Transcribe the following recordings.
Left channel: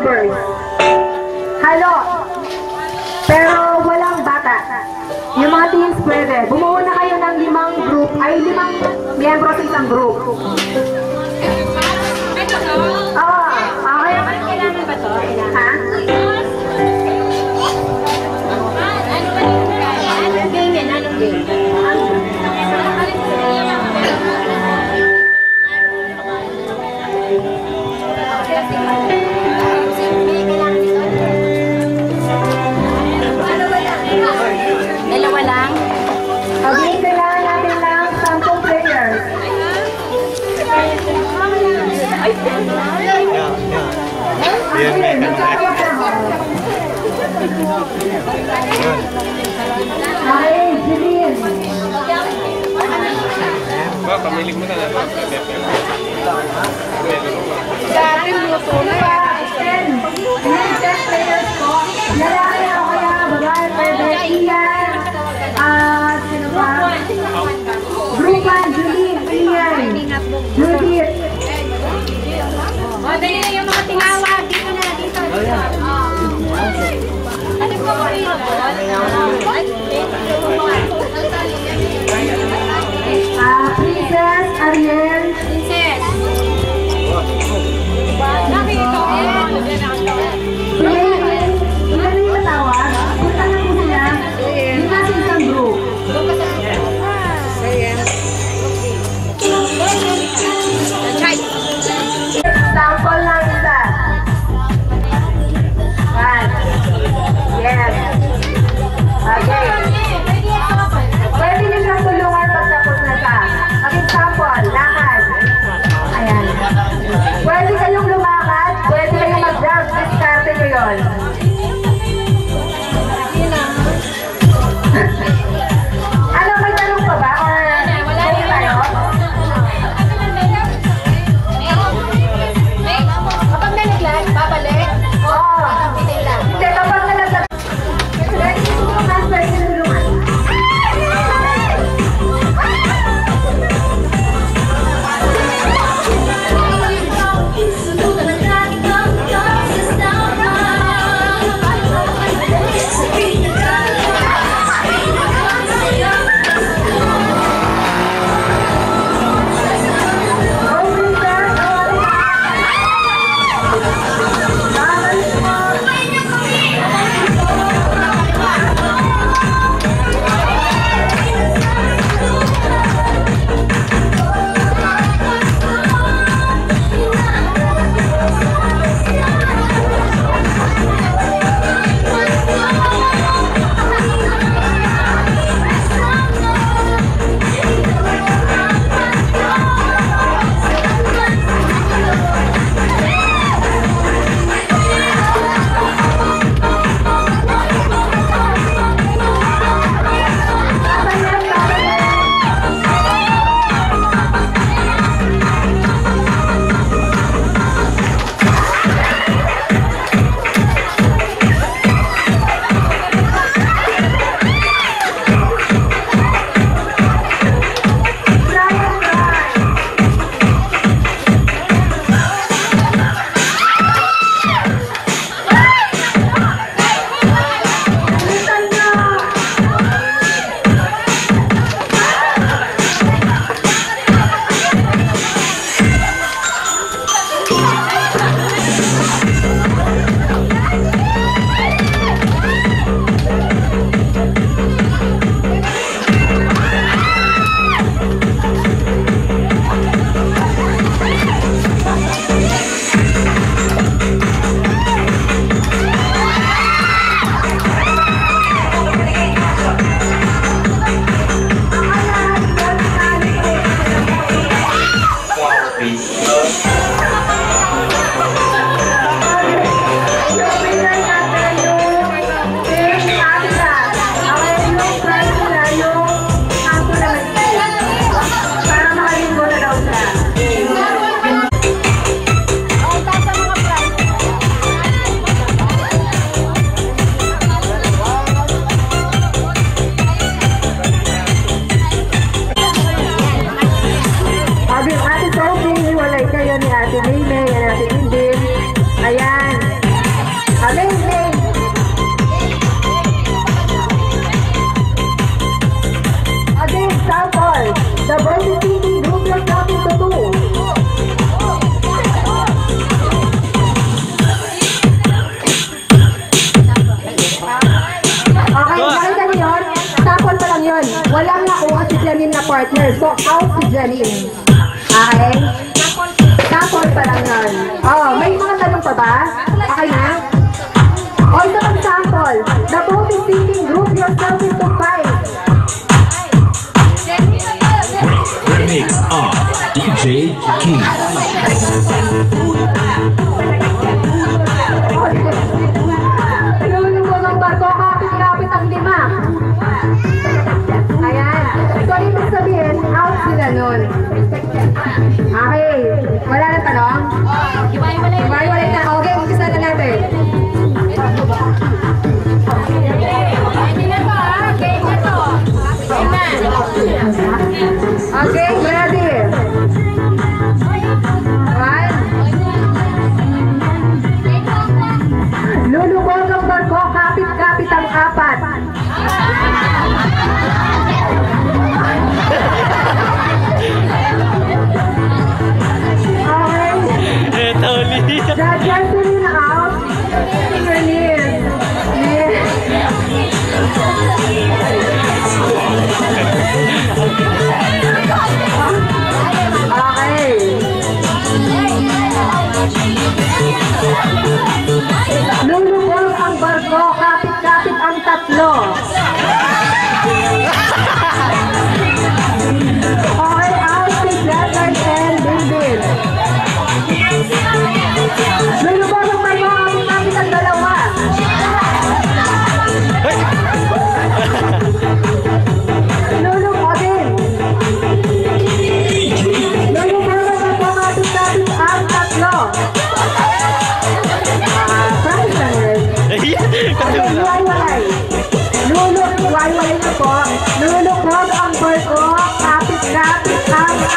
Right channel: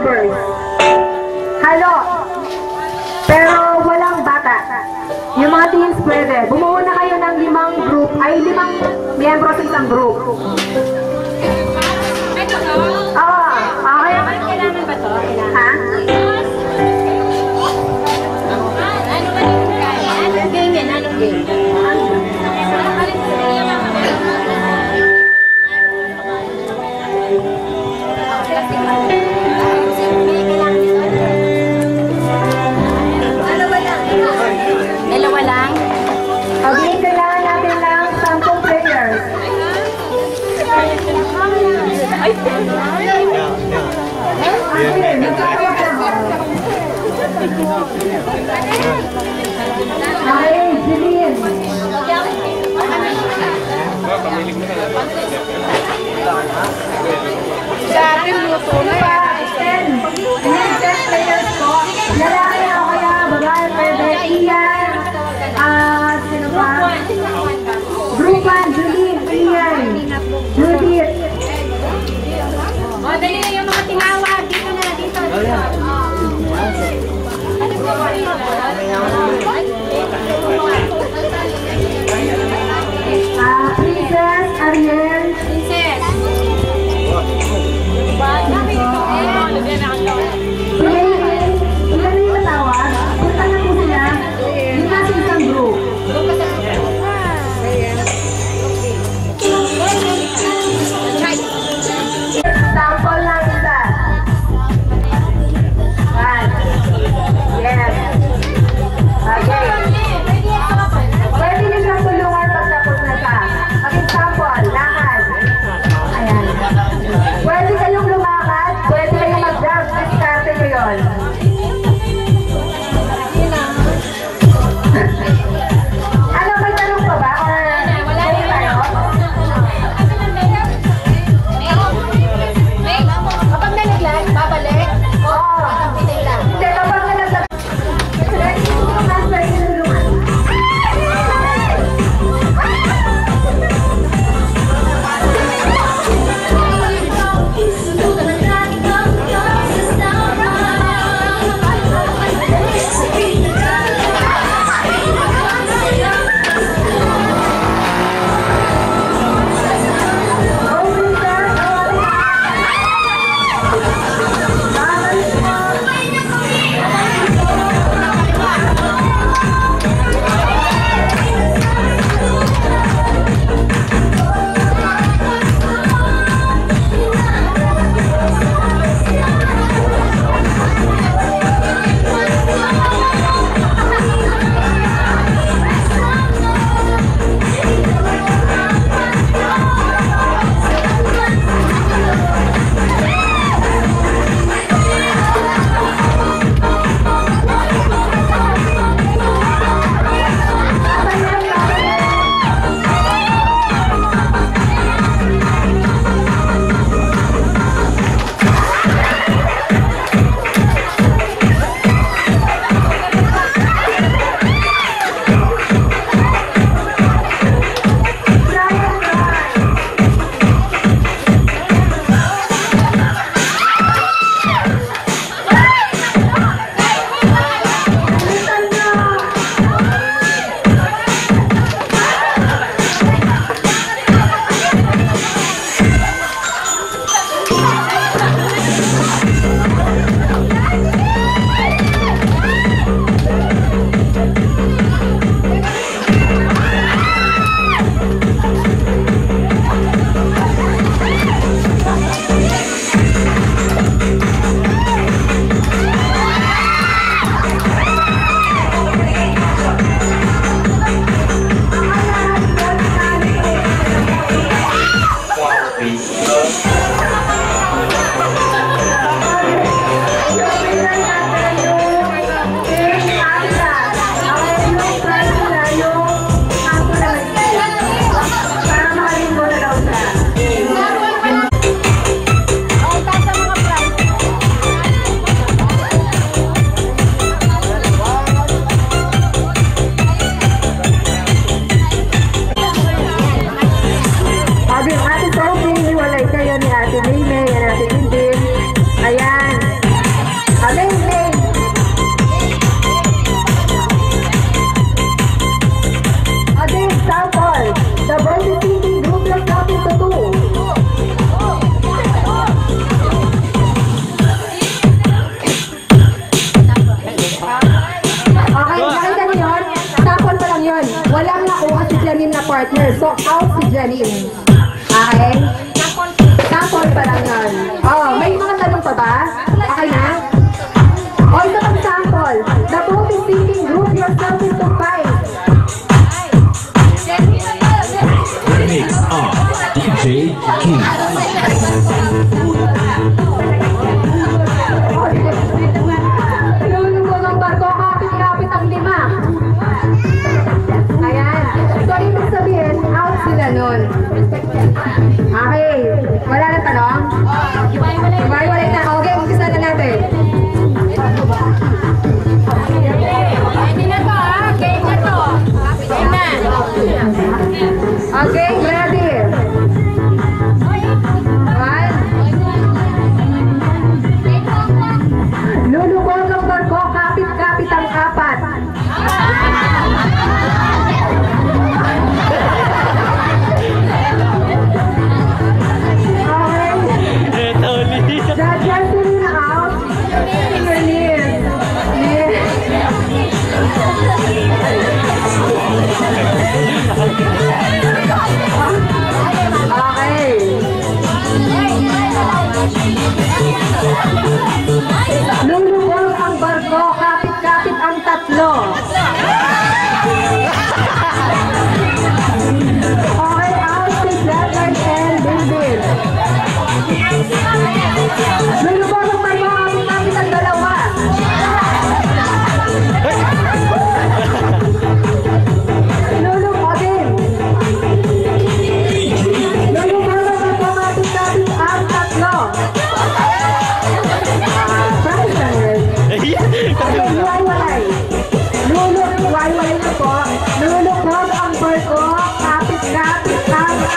members. Halo. Pero walang bata. Yung mga teens pwede. Bumuo na kayo ng 5 group, ay 5 miyembro sa isang group. Okay. Kailangan ba to? Ha? Anong game yan? Anong game? Dalawa lang? Okay, kailangan natin ng 10 players. Okay, Jeline. Pamilig mo na lang. Sa akin, luto na yan. 10 players ko. Lalaki o kaya babae, pwede. Ian. Sino ba? Group 1, Jeline, Ian, Judith. O, dali na yung mga tinawag. Dito na, dito. Ano po ba rin? Princess, Ariel. Princess. Ilan yung matawag? Punta na po sila. Yung nasa isang group. Sample lang isa. Yes. Okay. Pwede niyo siyang tulungan pag tapos na siya. Ang example, lakad. Ayan. Pwede kayong lumakad, pwede kayong mag-jump. Diskarte nyo yun. Ano, may tanong pa ba? Or okay tayo? Kapag nalaglag, babalik. Oo. Hindi, kapag nalaglag. Pwede tulungan, pwede tulungan. partner. So, out si Janine. Okay? Sample pa lang yun. Oh, may mga tanong pa ba? Okay na? O, ito ang sample. The boat is sinking. Group yourself into 5. Remix of DJ King. Lulugo ng barko, kapit-kapit ang 5. Ayan. So, ibig sabihin, out sila nun. Okay. Wala na tanong? Hiwalay na. Okay, umpisa na natin. Okay, ready? 1. Lulubog ang barko, kapit-kapit ang 4. Okay. Just out. Release. Okay. Lulubog ang barko, kapit-kapit ang 3. Okay, out si Jagger and David. Lulubog ang barko, kapit-kapit ang 2. Lulubog din. Lulubog ang barko, kapit-kapit ang 3. Practice na rin. Okay, hiwalay. Hiwalay na po. Lulubog ang barko, kapit-kapit ang 4.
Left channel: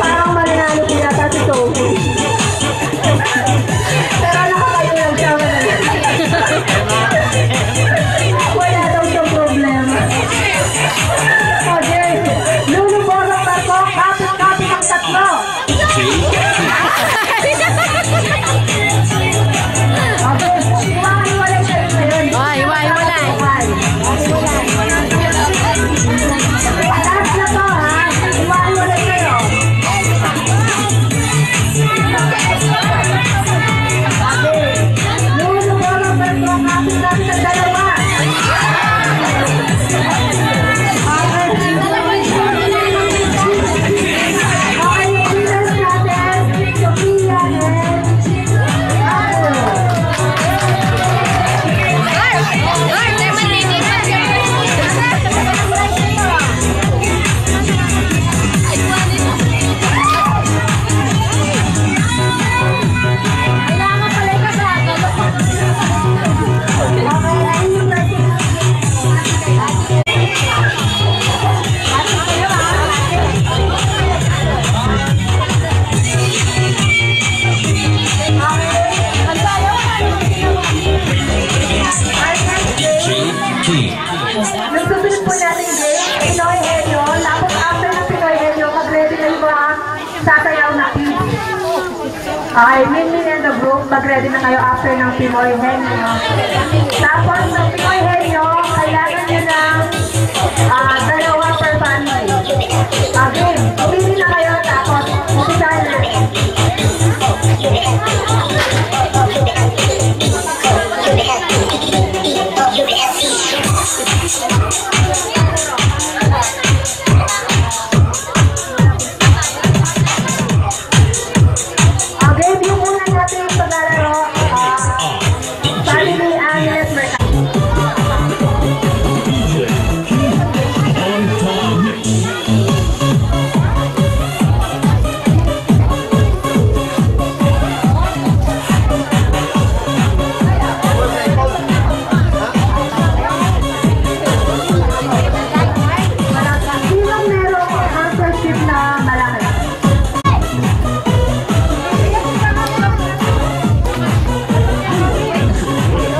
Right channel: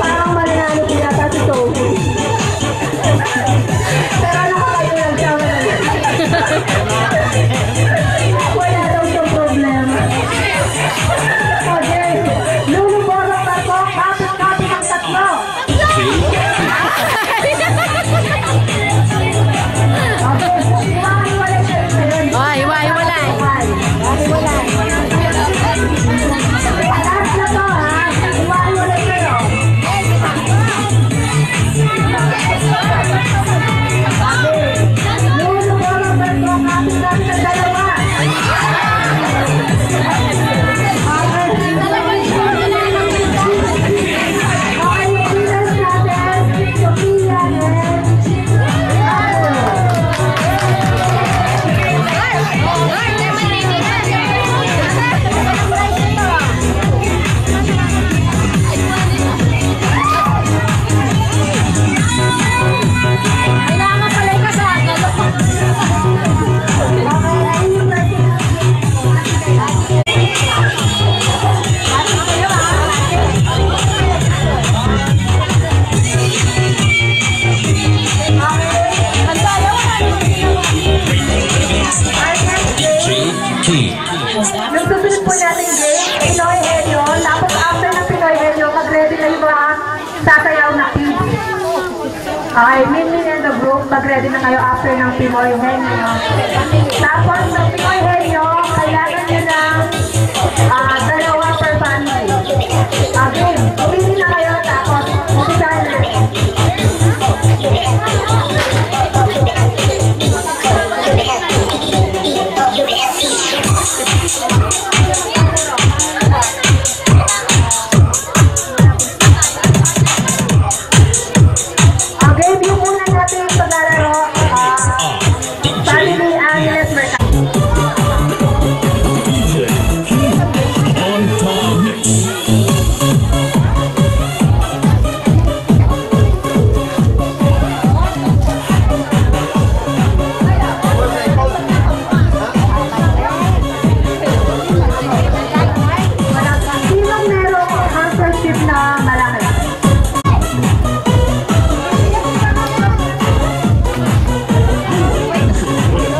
Parang malinalo po yata si Sophie. Pero nakakayo lang siya. Wala daw siyang problema. Okay. Lulubog ang barko, kapit-kapit ang 3. Okay. Hiwalay kayo ngayon. Hiwalay. Last na to, ha? Hiwalay kayo. Okay. Lulubog ang barko, kapit-kapit ang 2. Okay, yung winners natin, Sophia and King. yung susunod po natin game, Pinoy Henyo. Tapos after ng Pinoy Henyo, mag-ready na yung mga sasayaw na kids. Okay, Minmin and the group, mag-ready na kayo after ng Pinoy Henyo. Tapos ng Pinoy Henyo, kailangan nyo ng 2 per family. Okay, umili na kayo, tapos umpisahan natin. Okay, view muna natin yung paglalaro. Family Agnes Mercado. On top mix. Sinong merong answership na malaki?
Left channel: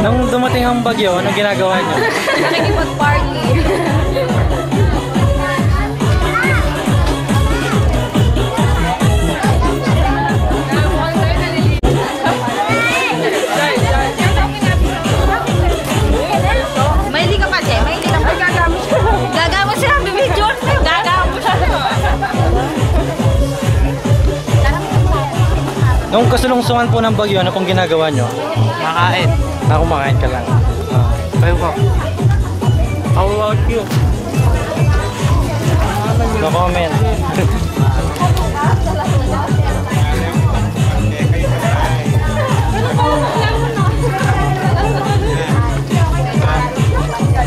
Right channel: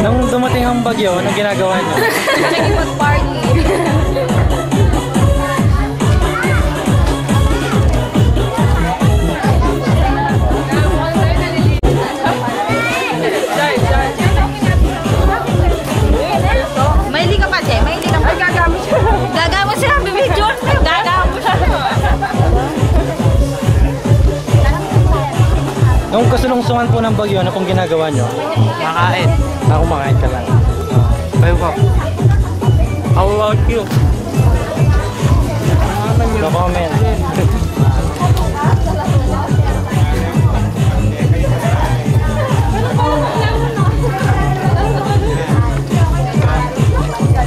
Nung dumating ang bagyo, ano ginagawa niyo? Nung kasulungsungan po ng bagyo, ano pong ginagawa nyo? Makain. Kumakain ka lang. Kayo po. How about you? No comment.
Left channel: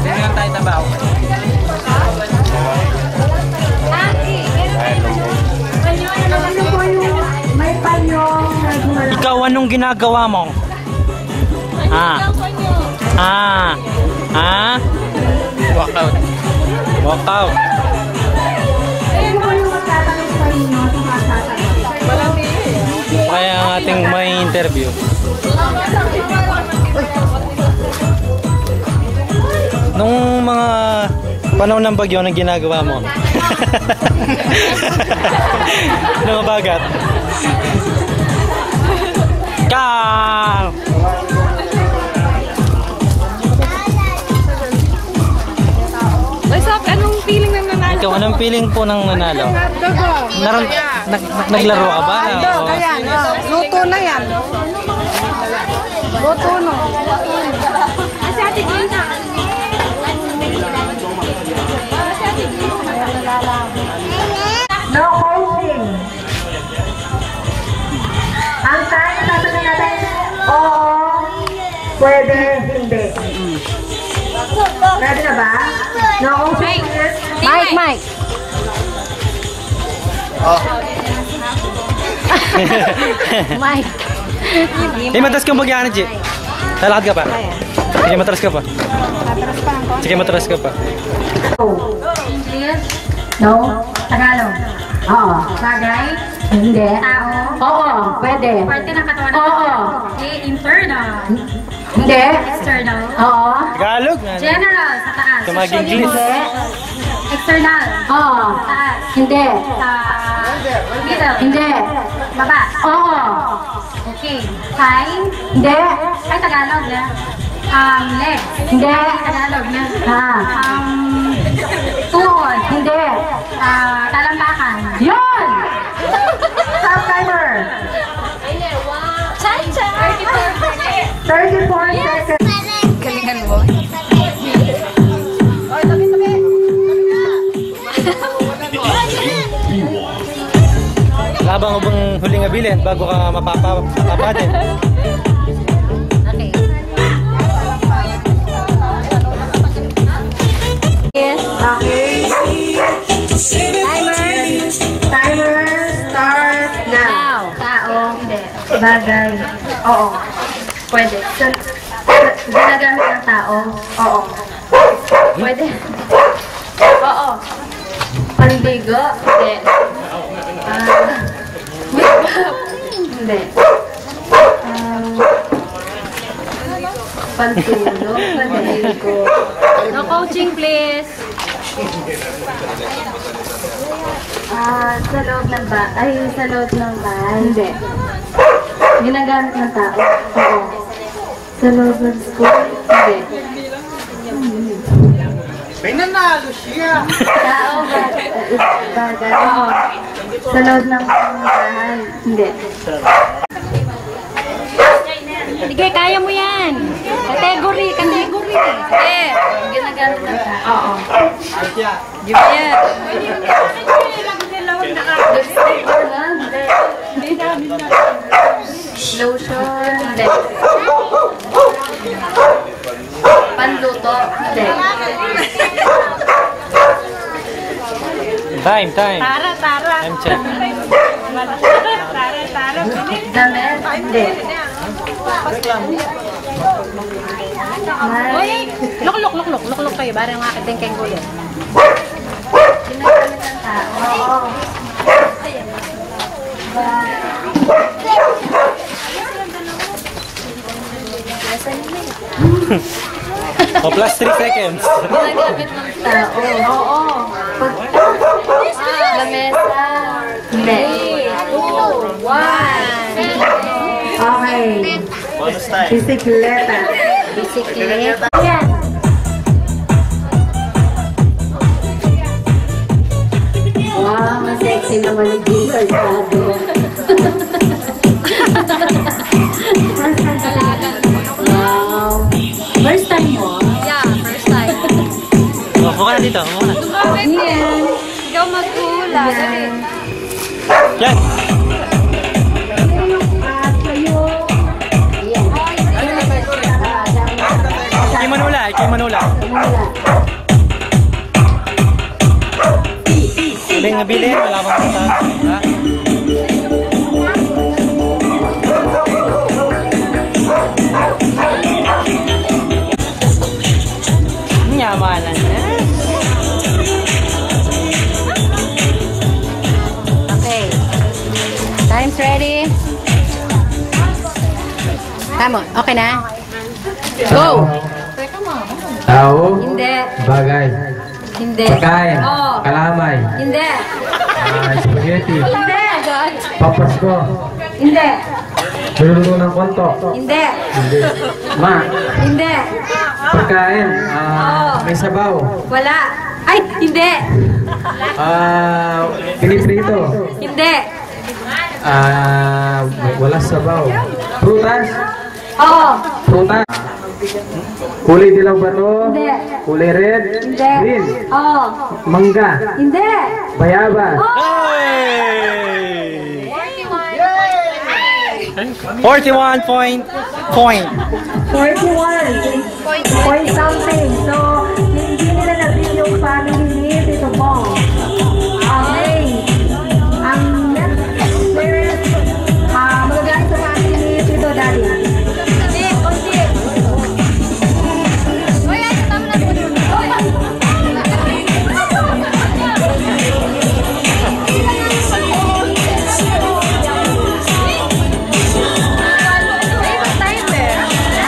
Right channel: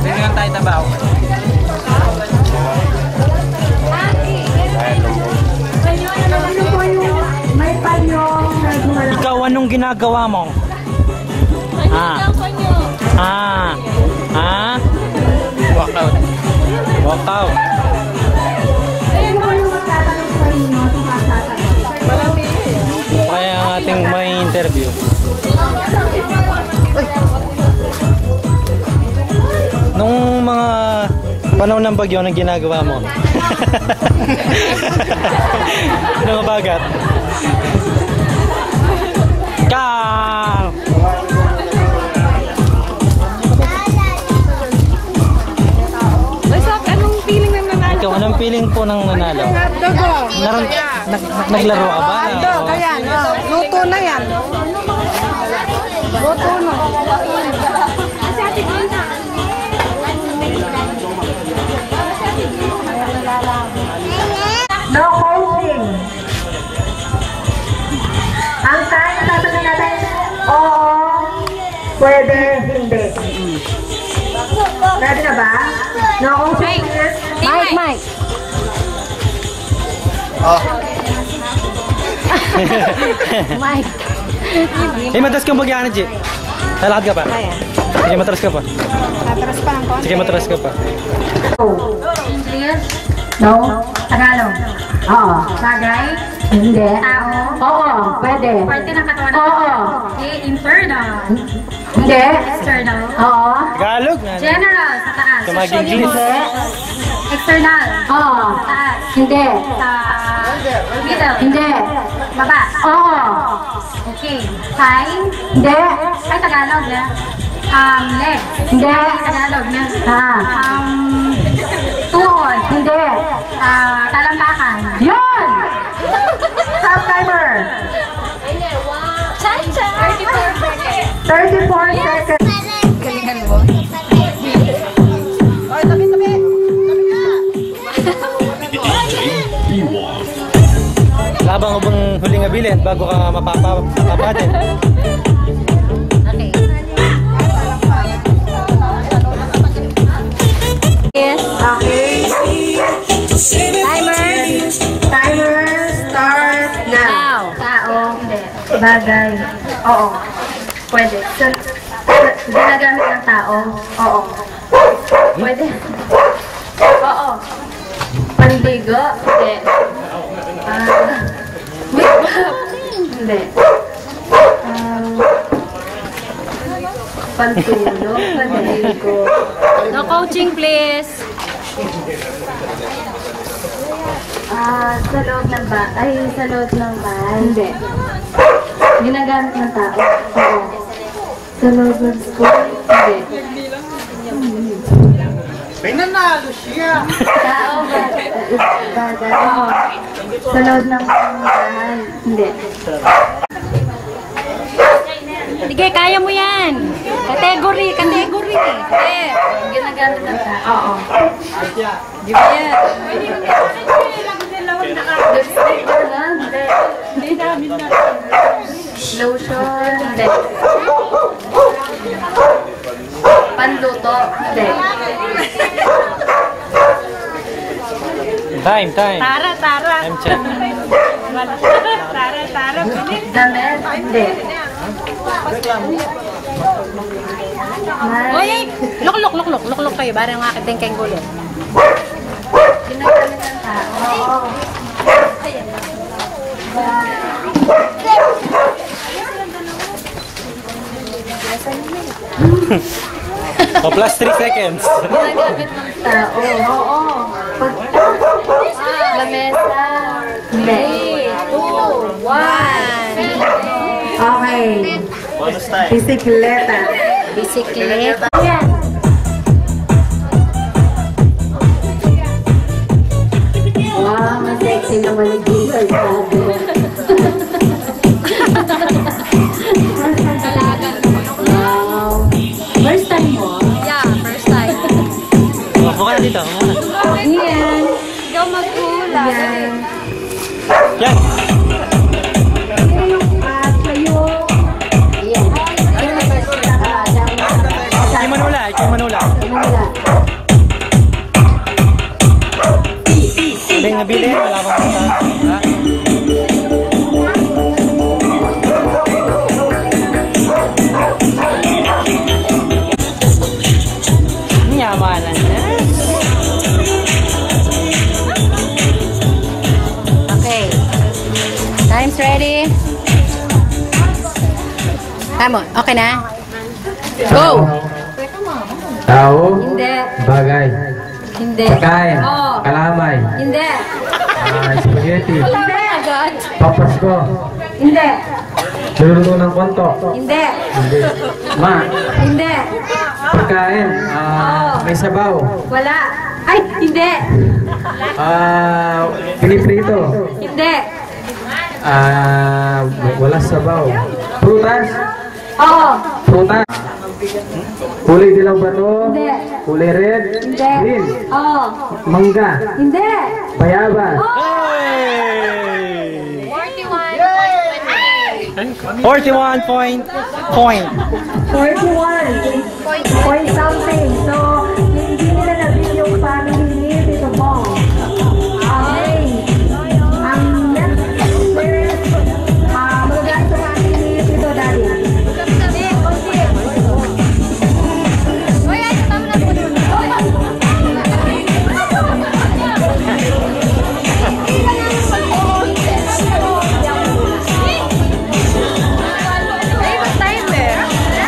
Tingnan tayo tabaw. Ano po yung may panyong nagmula? Ikaw, anong ginagawa mo? Walkout. Walkout. Ano po yung magtatanong sa inyo? Sumasasagot. Kaya ang ating may interview. Nung mga panahon ng bagyo, anong ginagawa mo? Nung bagat. Kang! Anong feeling ng nanalo? Ikaw, anong feeling po ng nanalo? Naglaro ka ba? Ayan, luto na yan. Luto na. Kasi ate Gina. No coaching. Ang time, sasabihin natin, oo, pwede, hindi. Ready na ba? No coaching, yes. Mike. Mike. Eh, matras kang bagyanan, G. Lalakad ka pa. Sige, matras ka pa. Sige, matras ka pa. English? No. Tagalog? Oo. Bagay? Hindi. Tao? Oo, pwede. Parte ng katawan. Oo. Okay, internal. Hindi. External. Oo. Tagalog. General, sa taas. Tumag-English. External. Oo. Taas. Hindi. Sa middle. Hindi. Baba. Oo. Okay. Thigh. Hindi. Ay, Tagalog na. Legs. Hindi. Tagalog na. Ha. Tuhod. Hindi. Talambakan. Yun! Stop timer. Cha-cha. 34 seconds. Labang mo bang huling abilin bago ka mapapadin? Okay. Timer start now. Tao. Hindi. Bagay. Oo. Pwede. Ginagamit ng tao? Oo. Pwede. Oo. Pandigo? Hindi. Hindi. Pantulog? Pandigo? No coaching, please. Sa loob ng sa loob ng bahay? Hindi. Ginagamit ng tao? Oo. Sa loob ng school? Hindi. Pinanalo siya. Tao ba? Bagay? Oo. Sa loob ng bahay? Hindi. Sige, kaya mo yan. Category. Eh, Ginagamit ng tao? Oo. give me yan. Lipstick ba na? Hindi. Lotion? Hindi. Panluto? Hindi. Time. Tara. Time check. Tara. Damit? Hindi. Oy, lok kayo. Barang akin kayong gulit. Ginagamit ng tao? Oo. O, plus 3 seconds. Ginagamit ng tao? Oo. Lamesa? Hindi. 3, 2, 1. Okay. Bisikleta? Bisikleta. Yan. Wow, sexy naman yung Giselle sabi. dito. Muna. Yan. Ikaw maghula. Yan. Yan. Ikaw manula. Ikaw manula. Sabi nga bilhin. Wala pa punta. Ha? Nyamanan na. Okay. Time's ready. Tama. Okay na? Go! Tao, Hindi. bagay, Hindi. pagkain, Oo. kalamay, Hindi. spaghetti, Hindi. God. papasko, Hindi. luluto ng konto, Hindi. hindi, ma, Hindi. pagkain, may sabaw, Wala. Ay, hindi. piniprito, Hindi. wala sabaw, prutas, Oo. prutas, kulay dilaw ba to? Hindi. Kulay red, Hindi. green, Oo. mangga, Hindi. bayabas, Hey! 41 point. 41. Point something. So, hindi nila nabili yung family ni Tito Bong. Okay. Ang next is, magagamit sa family ni Tito Daddy.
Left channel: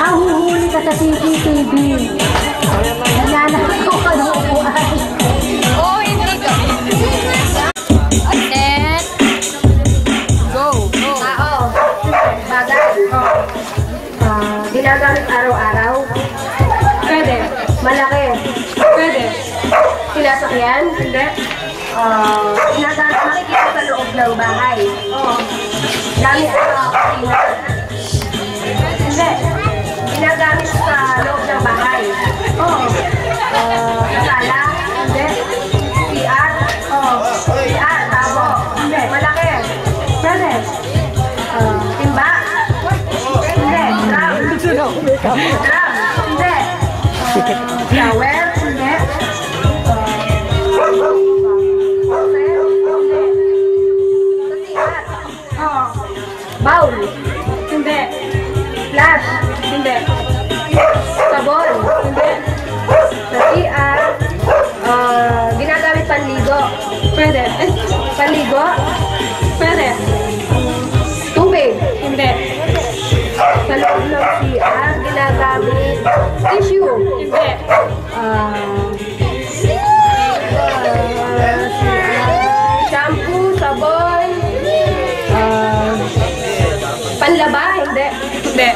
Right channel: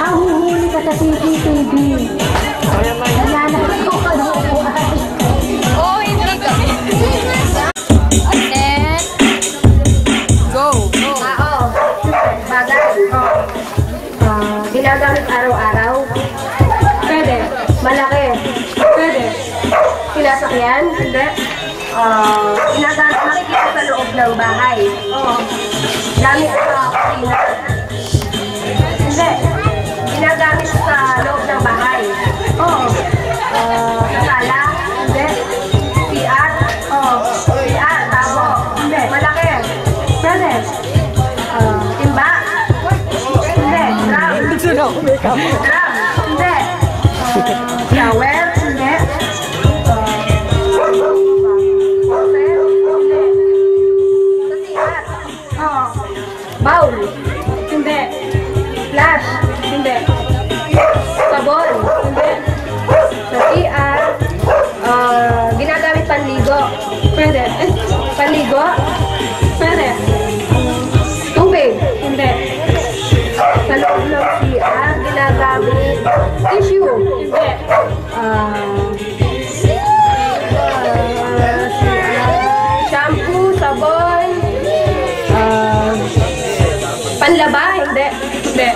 Huhuli ka sa CCTV. Nananap ko ka ng upuan. Oo, hindi ka. Then, go. Go. Bagay. Ginagamit araw-araw. Pwede. Malaki. Pwede. Sinasakyan. Hindi. Ginagamit makikita sa loob ng bahay. Gamit sa kusina. Hindi. Ginagamit sa loob ng bahay. Sa sala. Hindi. PR. PR. Tabo. Hindi. Malaki. Pwede. Timba. Hindi. Drum. Drum. Hindi. Shower. Hindi. Bowl. Hindi. Flash. Hindi. Sabon. Hindi. Sa CR. Ginagamit panligo. Pwede. Panligo. Pwede. Tubig. Hindi. Sa loob ng CR, ginagamit tissue. Hindi. Shampoo, sabon, panlaba, hindi. Hindi.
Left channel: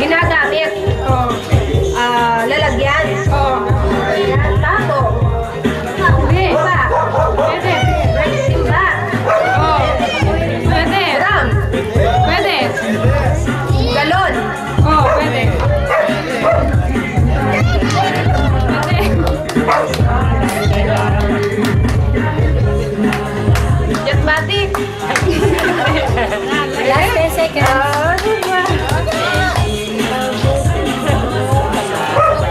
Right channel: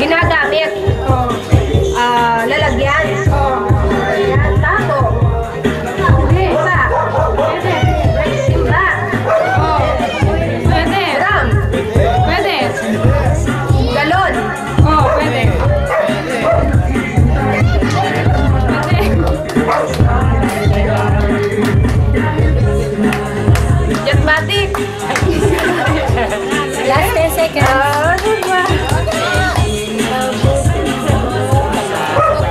Ginagamit. Lalagyan. Lalagyan. Tato. Timba. Pwede. Timba. Pwede. Drum. Pwede. Galon. Oo, pwede. Jetmatic. Last 10 seconds.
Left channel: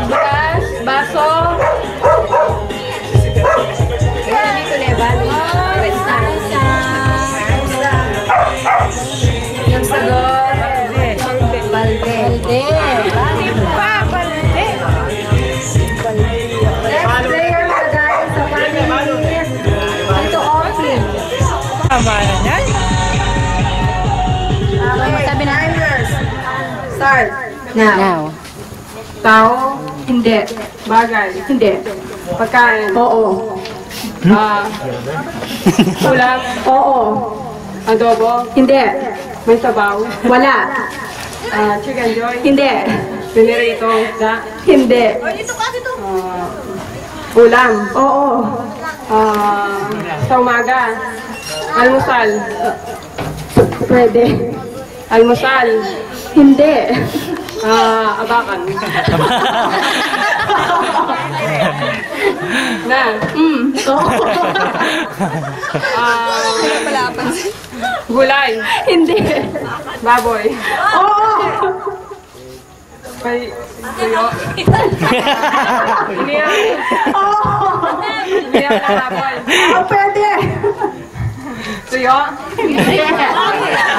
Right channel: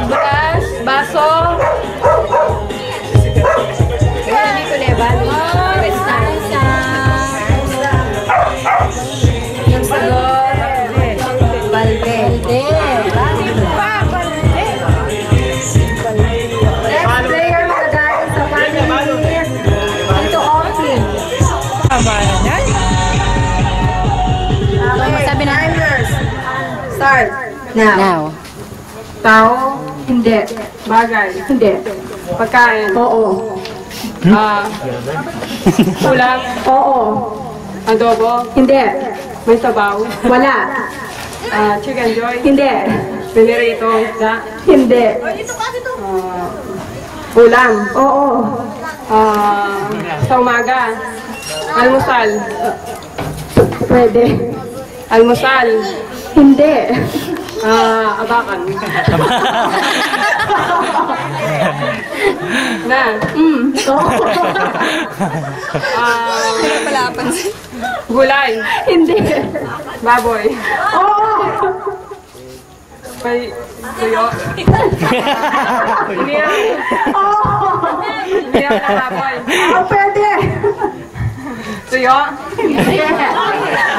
Bukas, baso. Hindi ko leban. Yung sagot. Balde. Next player magagaling sa family. Ito, Austin. Tama na yan. Sabi na. Start. Now. Now. Tao, hindi. Bagay, hindi. Pagkain, Oo. ulam, Oo. adobo, Hindi. may sabaw, Wala. chicken joy, Hindi. pinirito, Hindi. ulam, Oo. sa umaga, almusal, Pwede. almusal, Hindi. Abakan. Na. Gulay. Hindi. Baboy. Oo! May tuyo. Hindi yan. Oo! Hindi yan na baboy. Oh, pwede! Tuyo. Hindi!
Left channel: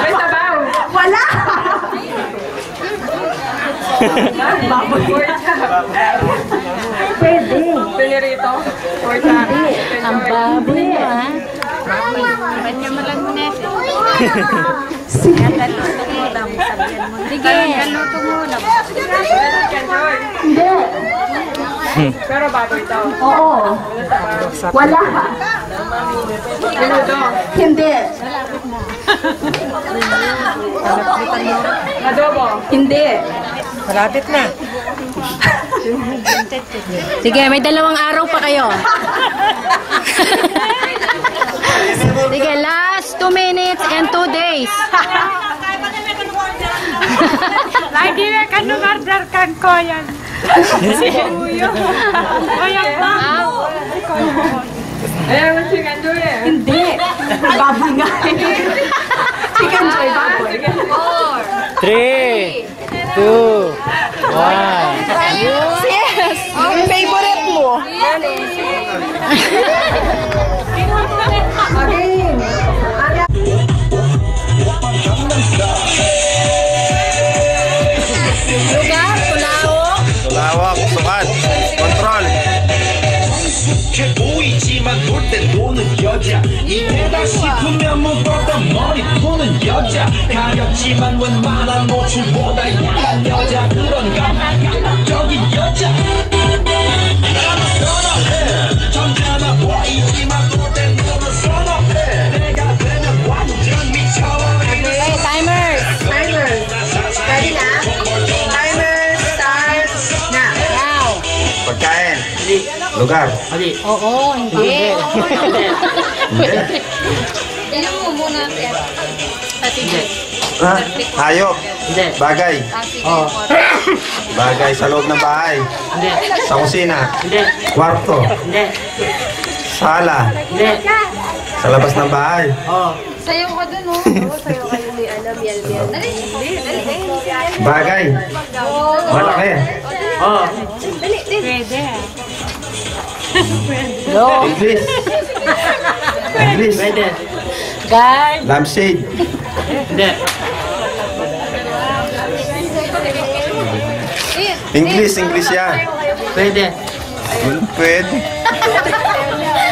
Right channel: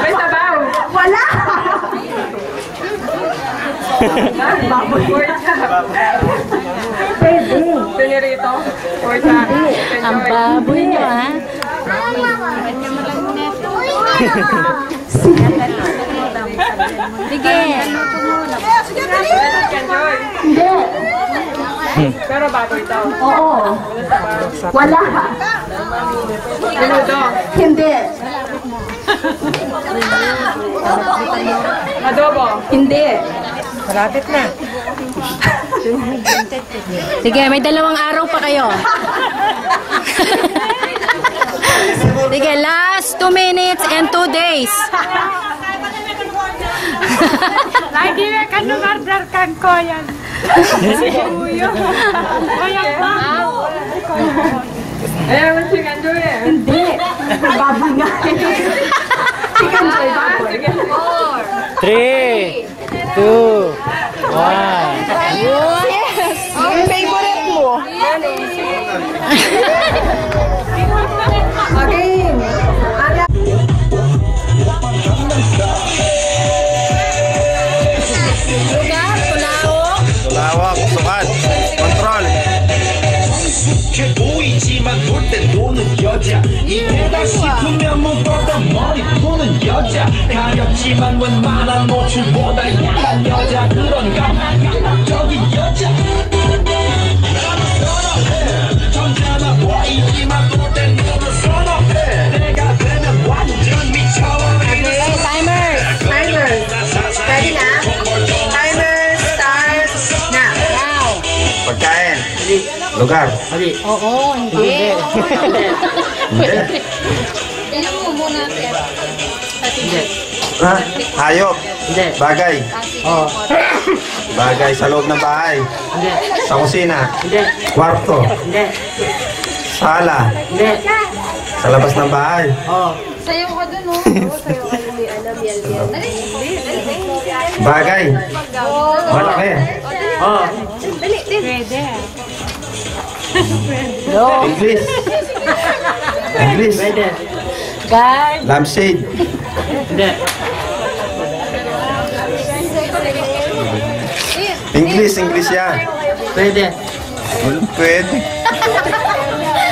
May sabaw. Wala! Baboy. Pork chop. Pwede! Pinirito. Pork chop. Ang baboy mo, ha? Sige. Hindi! Pero baboy daw. Oo! Wala! Menudo. Hindi! Adobo. Hindi! Malapit na. Sige, may 2 araw pa kayo. Sige, last 2 minutes and 2 days. Lagi na ka numardar kang koyan. Koyan pa. Ayan, ang chicken joy eh. Hindi! Baboy nga eh. Chicken joy, baboy. 3, 2, 1. Yes! Yung favorite mo. Again. Lugar, Tulao. Lawak, sukat, kontrol. 최고이지만 놀 땐 노는 여자 이래다 싶으면 묶었던 머리 보는 여자 가렸지만 웬만한 노출보다 야한 여자 그런 감각적인 여자 나는 선호해 점잖아 보이지만 놀 땐 노는 선호해 내가 되면 완전 미쳐버리는 Okay, timers. Timer. Ready na? Timer starts na. Now. Pagkain. Lugar. Oo, hindi. Hindi. Ilan mo muna, Sir? Ha? Hayop. Bagay. Bagay sa loob ng bahay. Sa kusina. Kwarto. Sala. Sa labas ng bahay. Sayo ka dun, oh. Sayo kayo ni Ana, Biel. Dali. Bagay. Malaki. Pwede. English. English. Guard. Lampshade. English yan. Pwede. Pwede.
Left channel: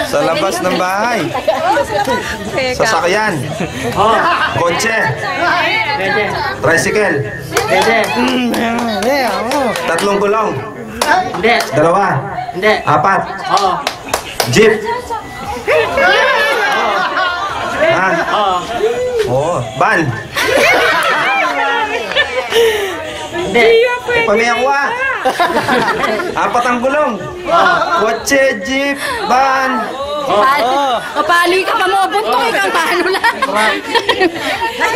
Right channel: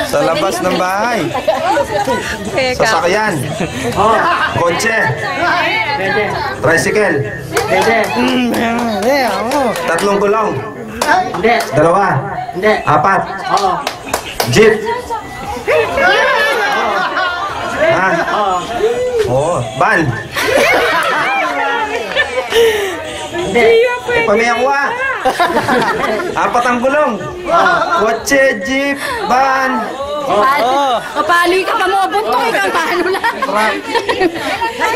Sa labas ng bahay. Sasakyan. Kotse. Tricycle. Tatlong gulong. Dalawa. Apat. Jeep. Ha? Oo. Van. Pamiyawa. Apat ang gulong. Kotse, jeep, van. Kapali ka pa mo, buntok ikaw, paano lang?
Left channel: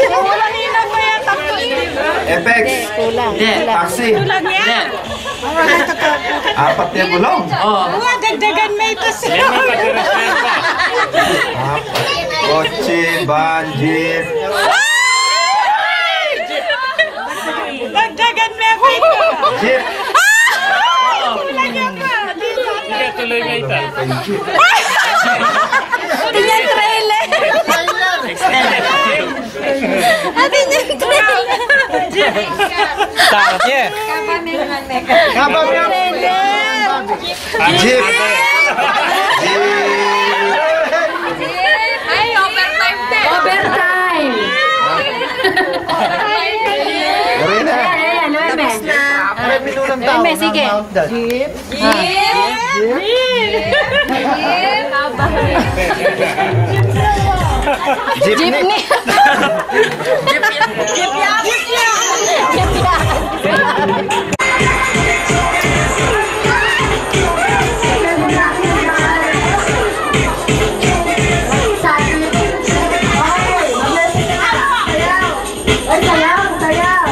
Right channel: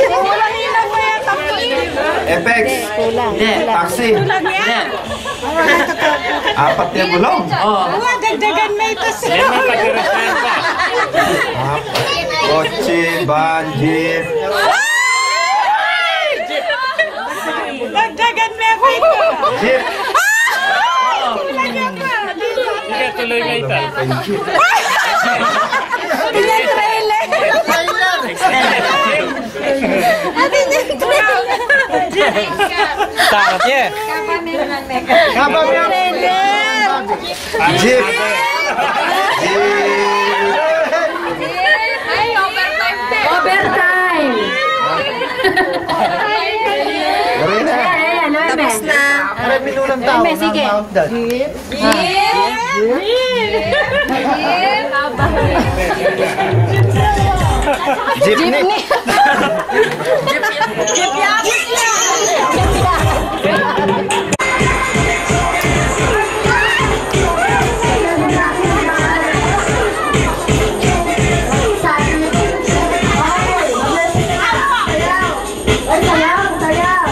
Walang ilang pa yan. FX. Taxi. Apat yung gulong. Dagdagan may ito siya. Kotse, van, jeep. Dagdagan may ito. Jeep. Tingnan trailer. Atin yung trailer. Takot niya. Jeep. Ay, overtime din. Overtime. Marina. Tapos na. Eme, sige. Jeepney. Sayaw! Sayaw!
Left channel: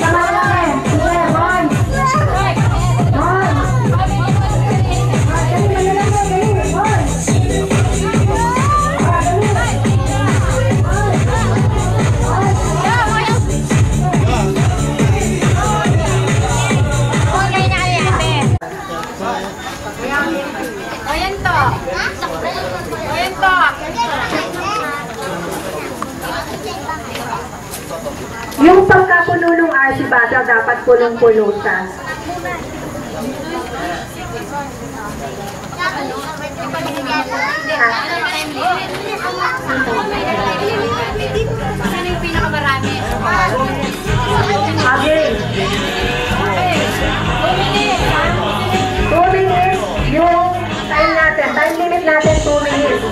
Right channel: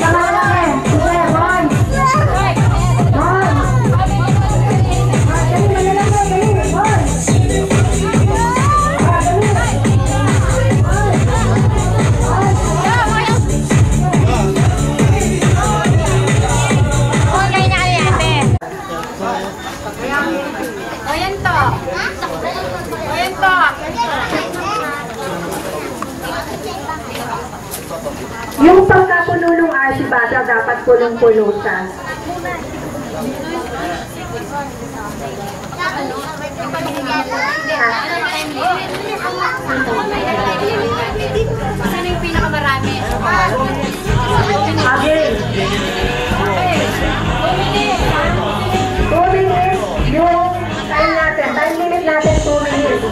sa malalaki. Sige, boys. Boys. Dali, malalaki, dali, boys. Ayan to. Ayan to. Yung pagkapuno ng RC bata dapat punong-punutan. Sino yung pinakamarami? Again. 2 minutes yung time natin. Time limit natin 2 minutes.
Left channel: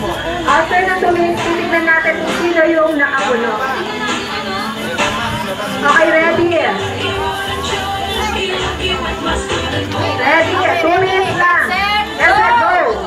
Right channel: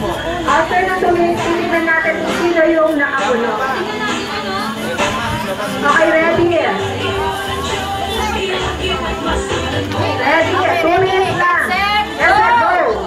After ng 2 minutes, titignan natin kung sino yung nakapuno. Okay, ready? Ready? 2 minutes lang. Let's go!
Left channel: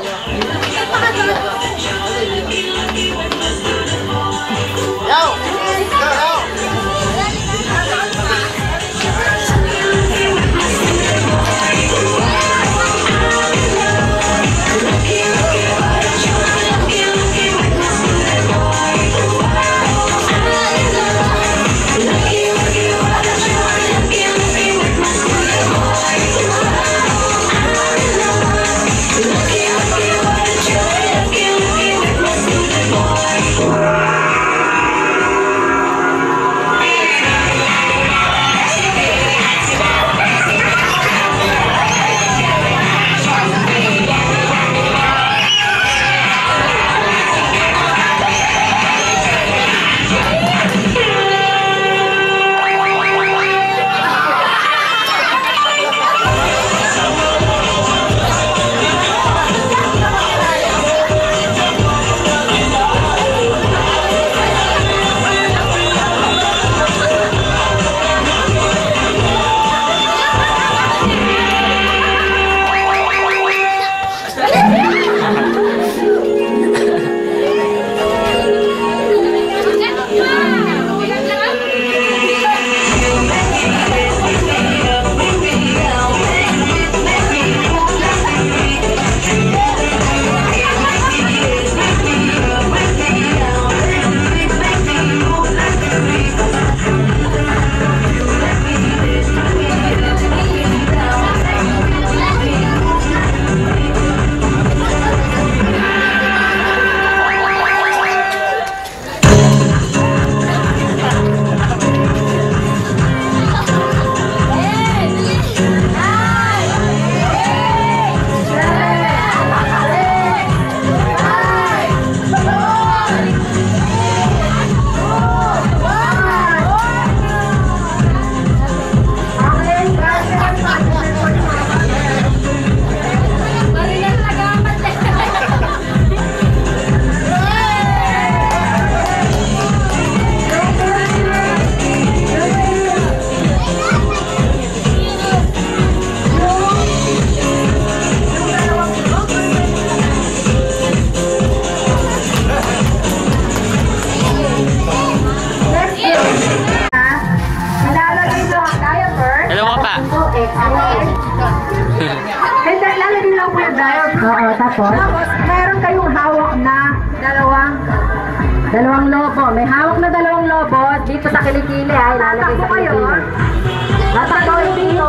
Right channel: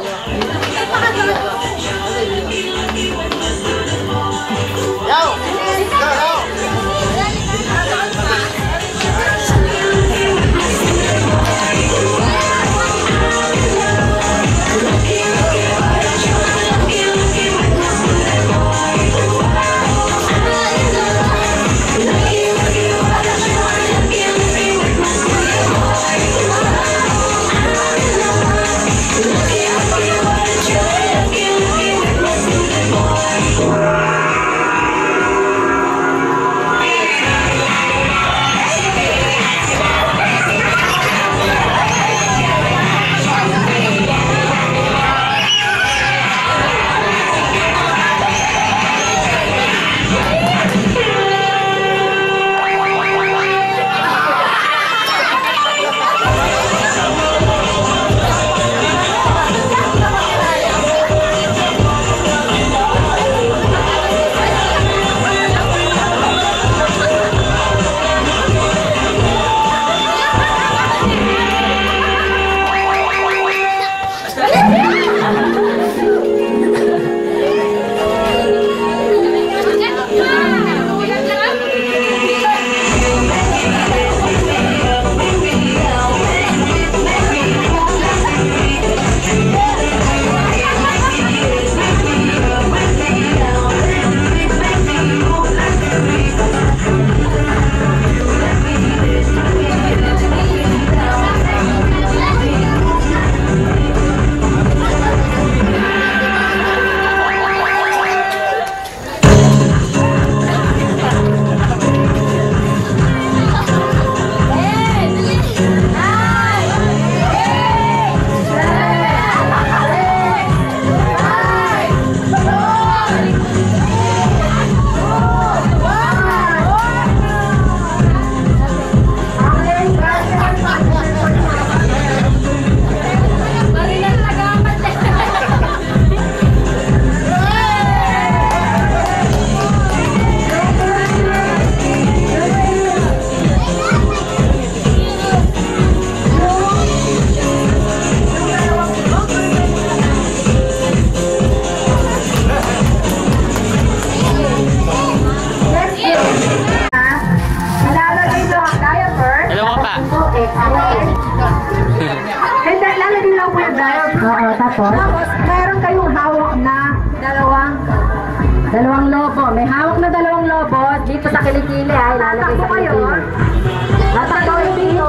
Lalagyan lang po yung dial. Oo, tapos meron kayong hawak na dalawang lobo. May hawak na dalawang lobo dito sa kilikili ay lalagay sa kilikili. Tatakbo yung dito.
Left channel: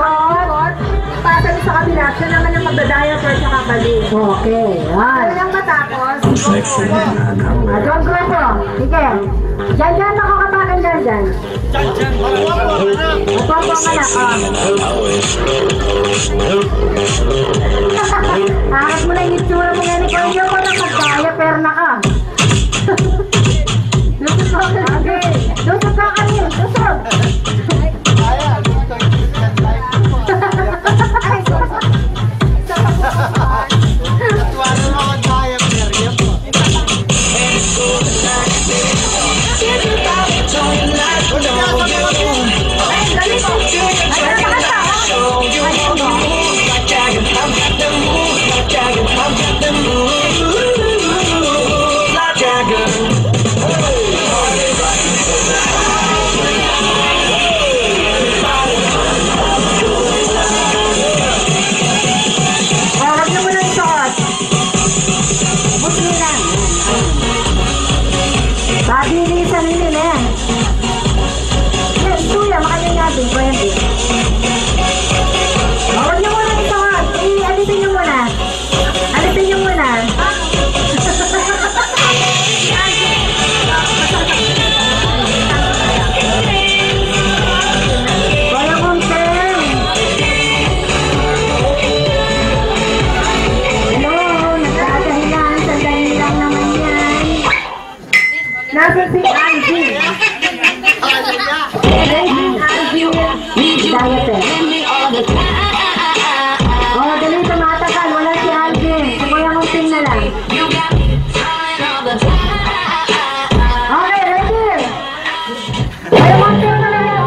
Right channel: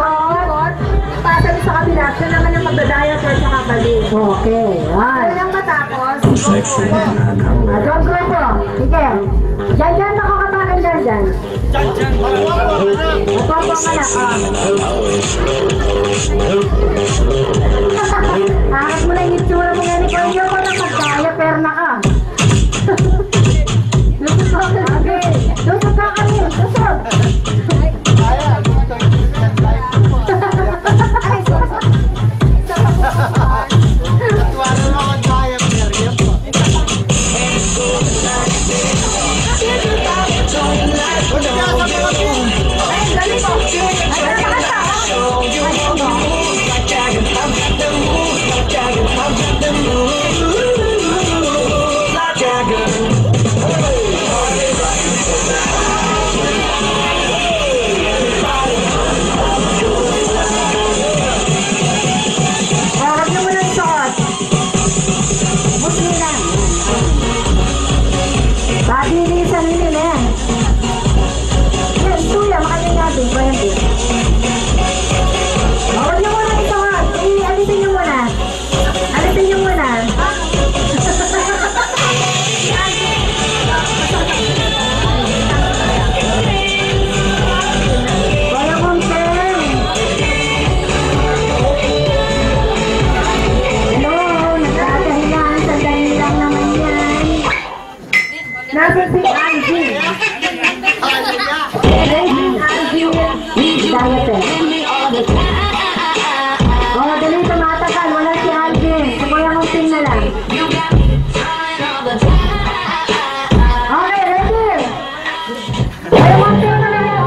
Ipasa sa kabila. Siya naman yung magdadial for sa kabali. Okay. Yan. Yan matapos. Don't go po. Sige. Diyan makakabakan dyan. Opo nga na. Hangat mo na yung itsura mo yan. Ikaw yung ko na magkaya, perna ka. Lusot ka ka. Lusot ka kanin. Lusot. diaper. Oh, dali tumatagal. Wala si Alvin. Si Kuya Munting na lang. Okay, ready? Kuya Munting na lang yan.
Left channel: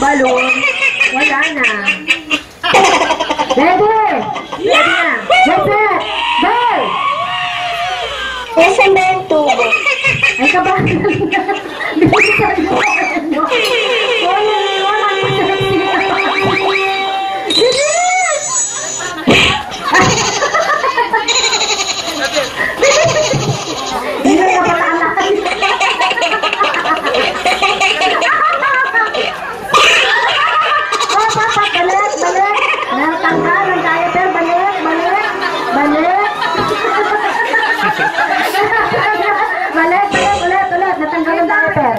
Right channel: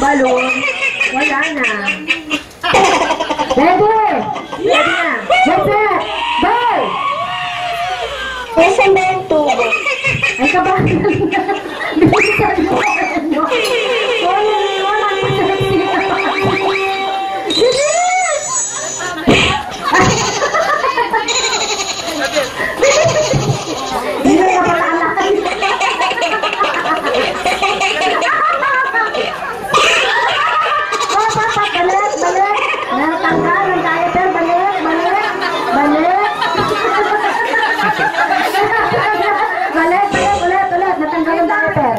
Balon. Wala na. Ready? Ready na. Get set. Bell! Nasaan ba yung tubo? Ay, kabahan na. Bilisan mo. Wala na siya. Bilis! Hindi na pala anak. Balik! Natanggal ang diaper. Balik! Ulit! Natanggal ang diaper.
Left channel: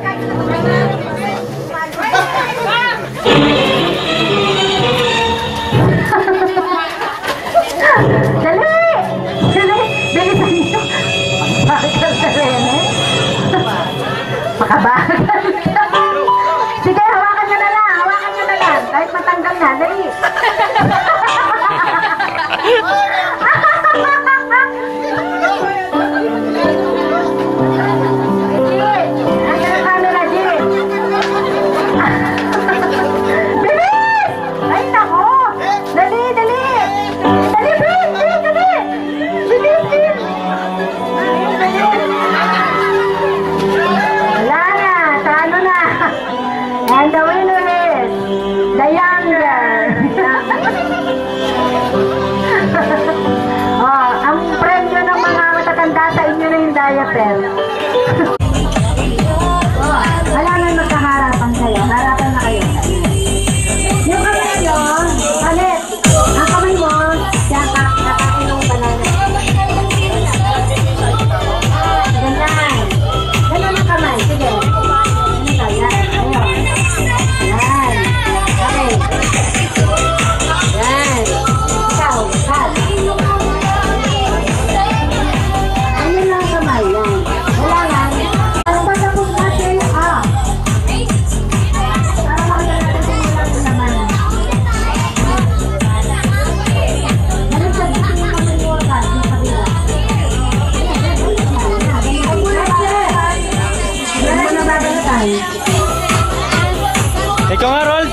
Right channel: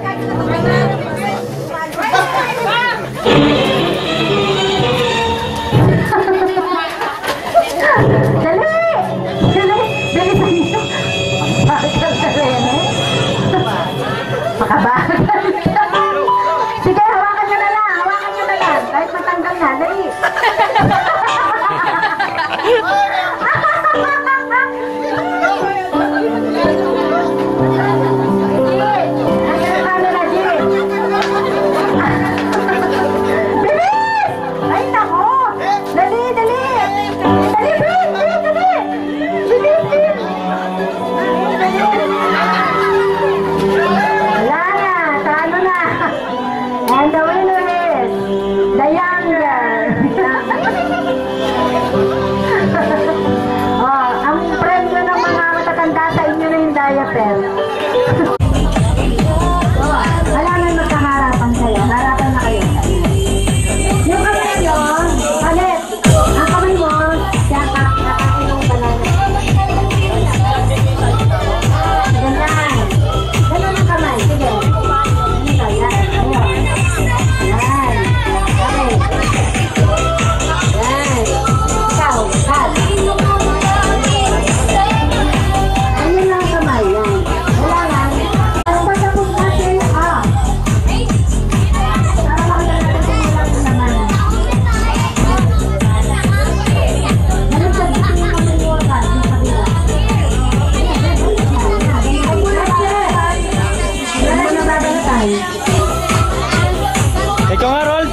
Dali! Bilisan niyo. Bakit ka sarene? Makabahan. Sige, hawakan nyo na lang. Kahit matanggal na, dali. Bilis! Ay, nako! Dali! Bilis! Wala na! Talo na! And the winner is the younger. Oh, ang premyo ng mga matatanda sa inyo na yung diaper. Wala na magkaharapan kayo. Harapan na kayo. Yung kamay nyo, ulit. Ang kamay mo, nakain ng banana. Ganyan. Ganyan ang kamay. Sige. Ikaw nga, Rold.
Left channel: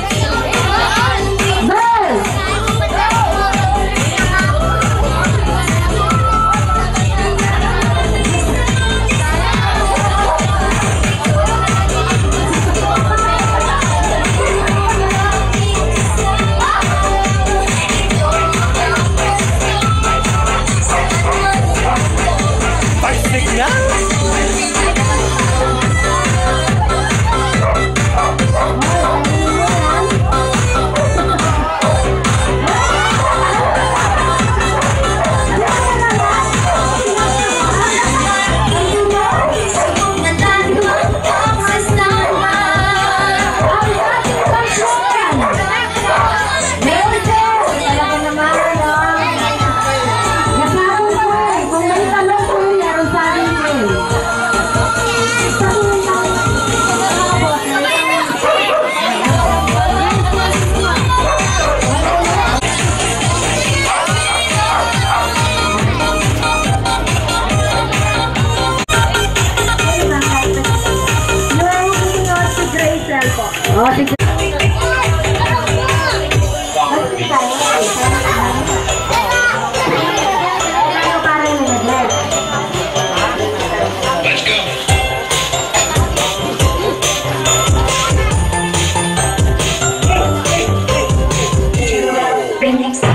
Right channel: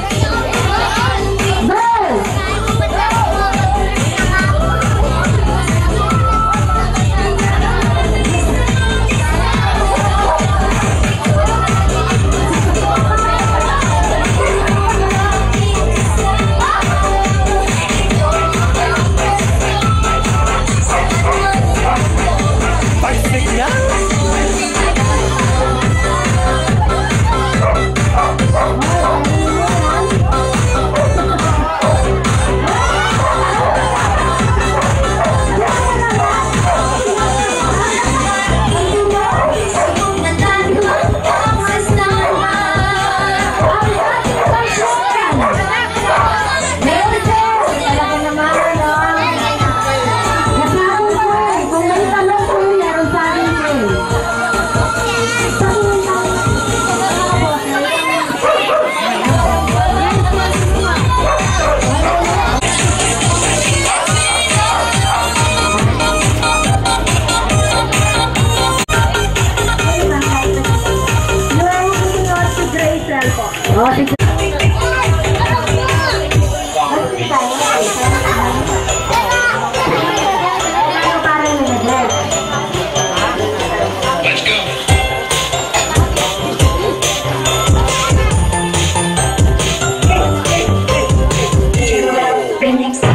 Bell! Pagsik na. Oh, sige. Remix.